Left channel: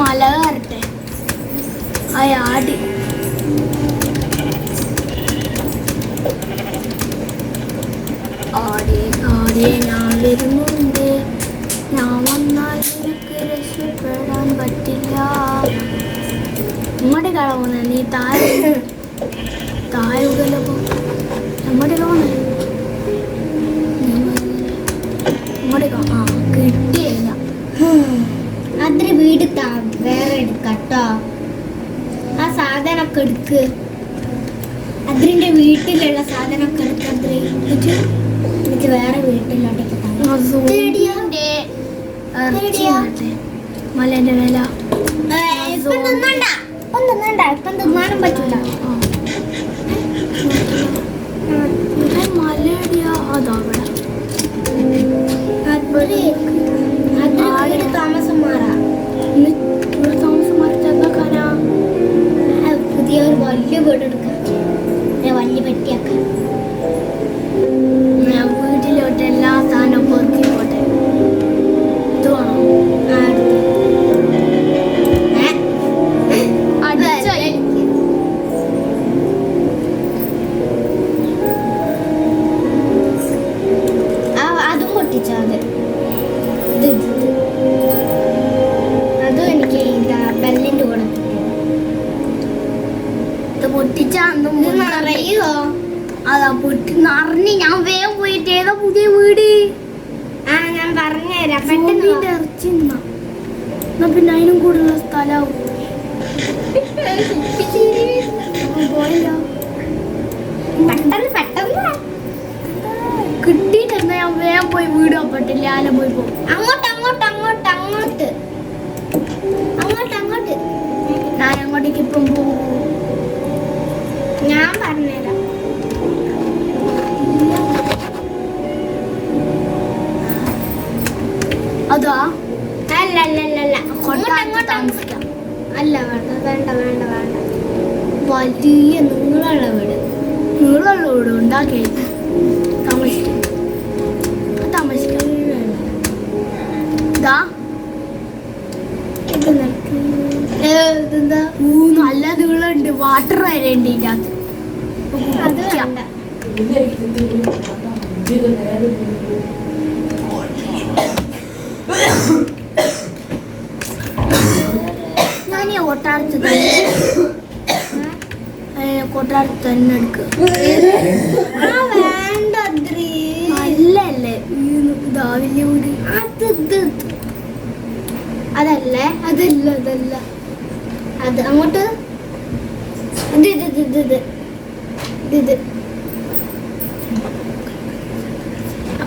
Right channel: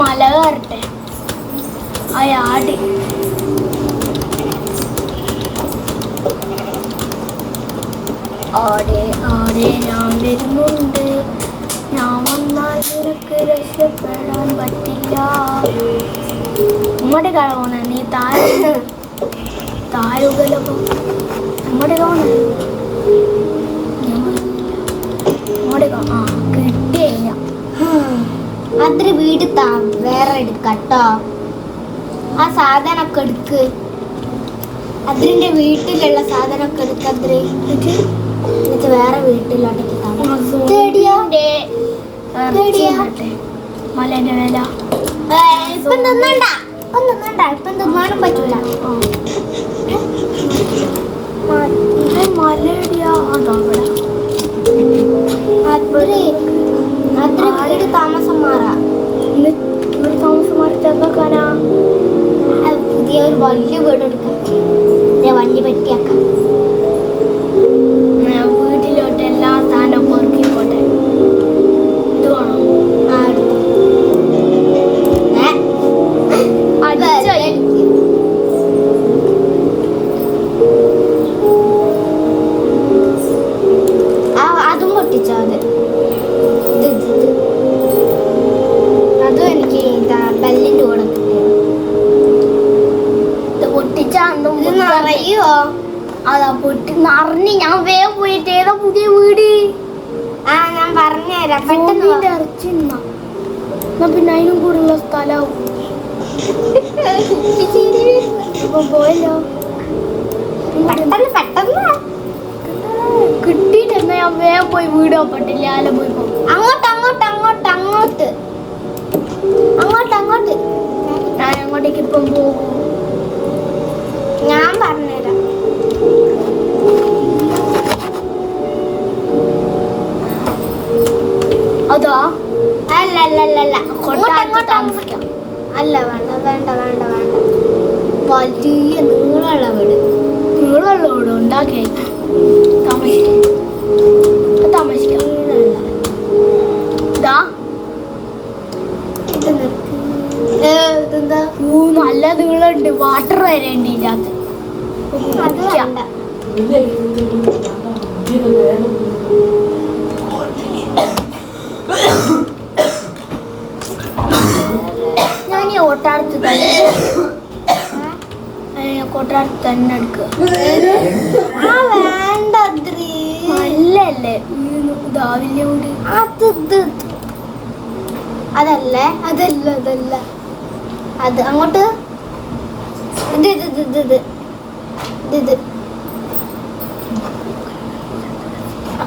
മല കയറട്ടെ അയാടി ആടെ ആടെ ഞാൻ വരുന്നുണ്ട്. ഞാൻ വന്നാൽ നിനക്ക് രക്ഷപ്പെടാൻ പറ്റില്ല. ഇങ്ങോട്ട് കാണുന്ന നീ താരുകല അങ്ങോട്ട് കാണുന്ന ആ കിട്ടിയ അത്ര വീട് വേറെ എടുക്കട്ടോ. ആ സാധനമൊക്കെ എടുക്ക്. അതിന്റെ വീട്ടിലുള്ള സാധനമൊക്കെ എടുക്ക. എന്നിട്ട് വേറെ വീട്ടിലോട്ടേക്ക് മലേന്റെ വേല ഇപ്പം തിന്നണ്ട. ഇപ്പം തിന്നാനും പറ്റൂല. മലടിയാ അതവിടെ താമസം മാറാ. താമസം മാറിട്ട് എന്താക്കാനാ? പുതിയ ഒരു വലിയ വീട് എടുക്കാം. വലിയ പറ്റിയാക്കാം. വീട്ടിലോട്ട് എല്ലാ സാധനവും പൊറുക്കി പോട്ടെ. ഇത് വേണോ? അതും പൊട്ടിച്ചാ മതി. അതും എനിക്ക് ബെല്ലിന്റെ കൂടെ അറിയോ? അതാ പൊട്ടി നിറഞ്ഞ് ഞാൻ വേഗം പോയിട്ട് ഏതാ പുതിയ വീട്. ഞാൻ പറഞ്ഞുതരാം. ഇറച്ചി പിന്നെ അതിനും കൂടുള്ള സ്ഥലവും പോയല്ലോ. കിട്ടിയിട്ട് എന്നാ ഞാൻ വേഗം പോയി വീട് നോക്കട്ടില്ല. ആലം പോയി പോകും. അങ്ങോട്ട് ഞാൻ അങ്ങോട്ടേക്ക് ഇപ്പം പോകും. ഞാൻ പറഞ്ഞുതരാം. അതാ അല്ല താമസിക്കാം. അല്ല വേണ്ട. വലിയ നീളമുള്ള വീട് ഉണ്ടാക്കിയ താമസിക്കാം. ഇതാ ഇതെന്താ നല്ല നീളമുണ്ട്. വാട്ടർ വരെ ഉണ്ട് ഇതിനകത്ത്. അത് വേണ്ട. ഞാൻ ഈ ഓട്ടാടത്ത് തന്നെ എടുക്കുക. വേണ്ട നല്ലല്ലേ ഇതാവില്ല കൂടി. അതല്ല അത് അങ്ങോട്ട്. ഇത്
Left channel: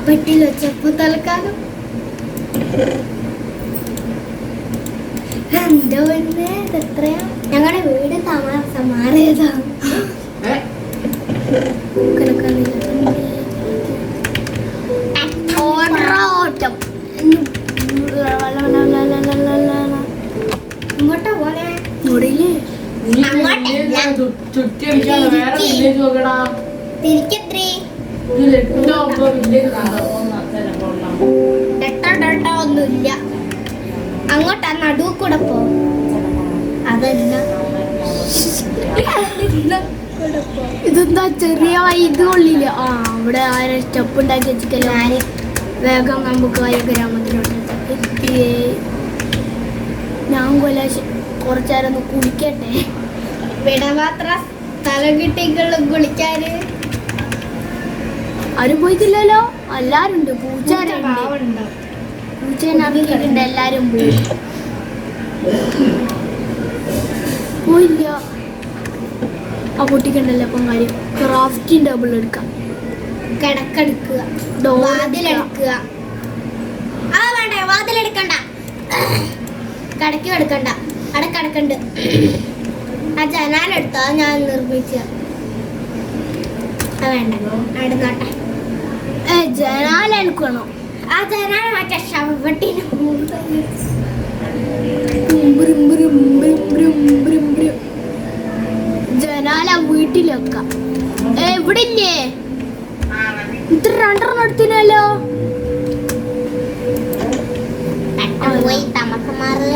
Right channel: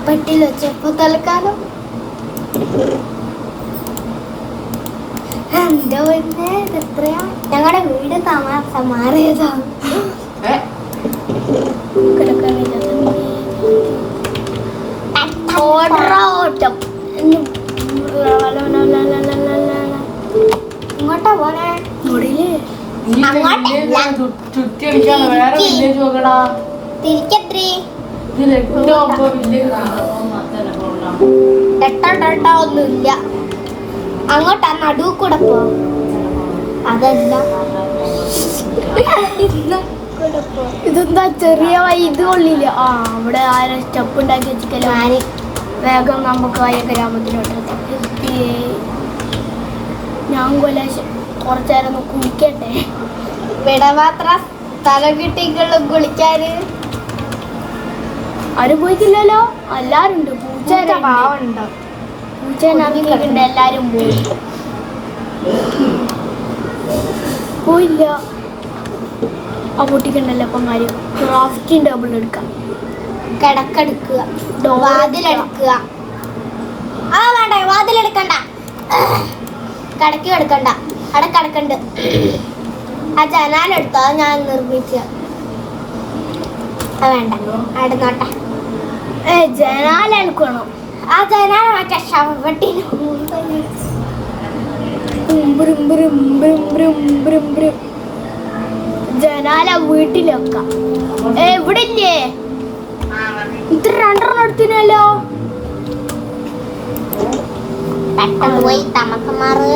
പെട്ടിയിൽ വെച്ചപ്പോ തൽക്കാലം എന്തോ എത്രയാ ഞങ്ങളുടെ വീട് താമസം മാറിയതാ. ഓട്ടം ഇങ്ങോട്ടാ പോലെ തിരിക്കത്രേ ഒന്നുമില്ല. അങ്ങോട്ടാ നടുവ് കൂടെ പോ. അതല്ല ഇതെന്താ ചെറിയ ഇത് കൊള്ളില്ല. അവിടെ ആരും സ്റ്റെപ്പ് ഉണ്ടാക്കി വെച്ചിട്ടില്ല. വേഗം നമുക്ക് വയ ഗ്രാമത്തിലോട്ട് ഞാൻ കുറച്ചേരം ഒന്ന് കുളിക്കട്ടെ. ഇവിടെ മാത്രം സ്ഥലം കിട്ടിക്കുള്ളൂ കുളിക്കാന്. ആരും പോയിട്ടില്ലല്ലോ. എല്ലാരും ഉണ്ട്. പൂച്ചേനെ എല്ലാരും പോയില്ല. ആ കുട്ടിക്കുണ്ടല്ലോ അപ്പം കാര്യം. ക്രാഫ്റ്റിംഗ് ടേബിൾ എടുക്കാം. കിടക്കെടുക്കുക. വാതിലെടുക്കുക. വേണ്ട വാതിലെടുക്കണ്ട. കടക്ക് കിടക്കണ്ട. കിടക്കണ്ട്. ആ ജനാലെടുത്തോ ഞാൻ നിർമ്മിച്ച. വേണ്ട നടന്നോട്ടെ. ജനാലെടുക്കണോ? ആ ജനാല മറ്റേ ശവട്ടിന് ജനാല വീട്ടിൽ വെക്കാം. ഇവിടെ ഇല്ലേ? ഇത്ര രണ്ടെണ്ണം എടുത്തിനല്ലോ. പെട്ടെന്ന് പോയി താമസം മാറ്.